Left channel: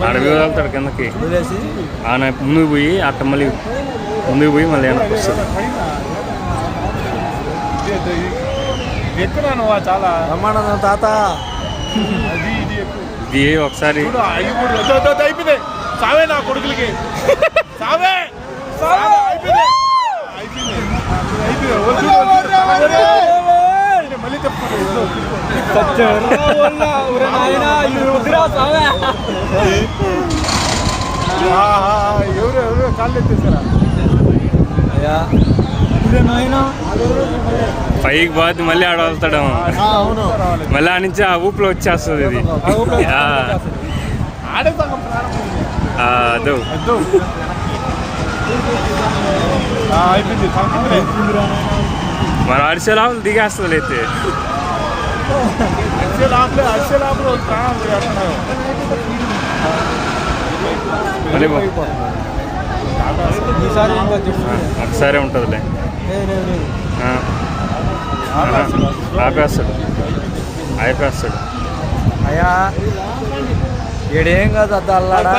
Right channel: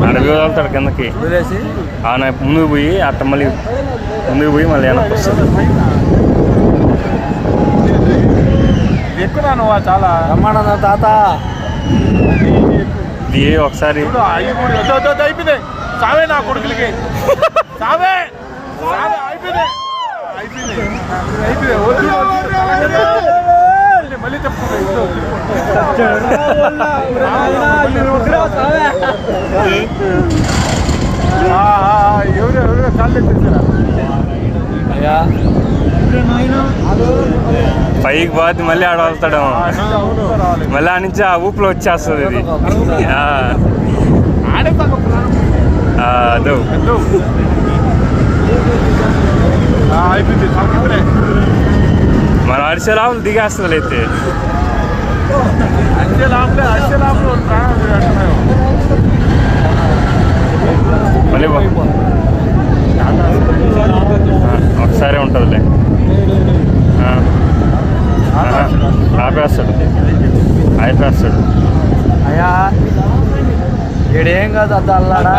అడవి వెళ్తాడు కిందకి వదిలేసి ఆయన ముందుకు పోయి అట్ట మళ్ళీ ముందుకు పోయి మళ్ళీ వెనక్కి వస్తుంది. ఎక్కువ నువ్వు చాలా బ్రహ్మానంద తాత ఇది ఒకసారి అయిపోయింది సావే నా కొడుకులకి సావే అయిపోయింది మళ్ళీ ఎవరు కాళ్ళు ఎత్తేసారా అయ్యా పైకి పోతే మళ్ళీ ఆడ వెళ్తాడు మళ్ళీ ఆ నుంచి ఆ ఊపిలో వచ్చేస్తుంది ఇది. అదో అయిపోయింది మన అరిసె లాభం దిగేస్తుంది అయితే మళ్ళీ ఒకసారి ఉంటుందిలే. ఆపేస్తాడు అయిపోస్తాడు అయ్యా ఏడేం కాదు అద్దా అల్లాడా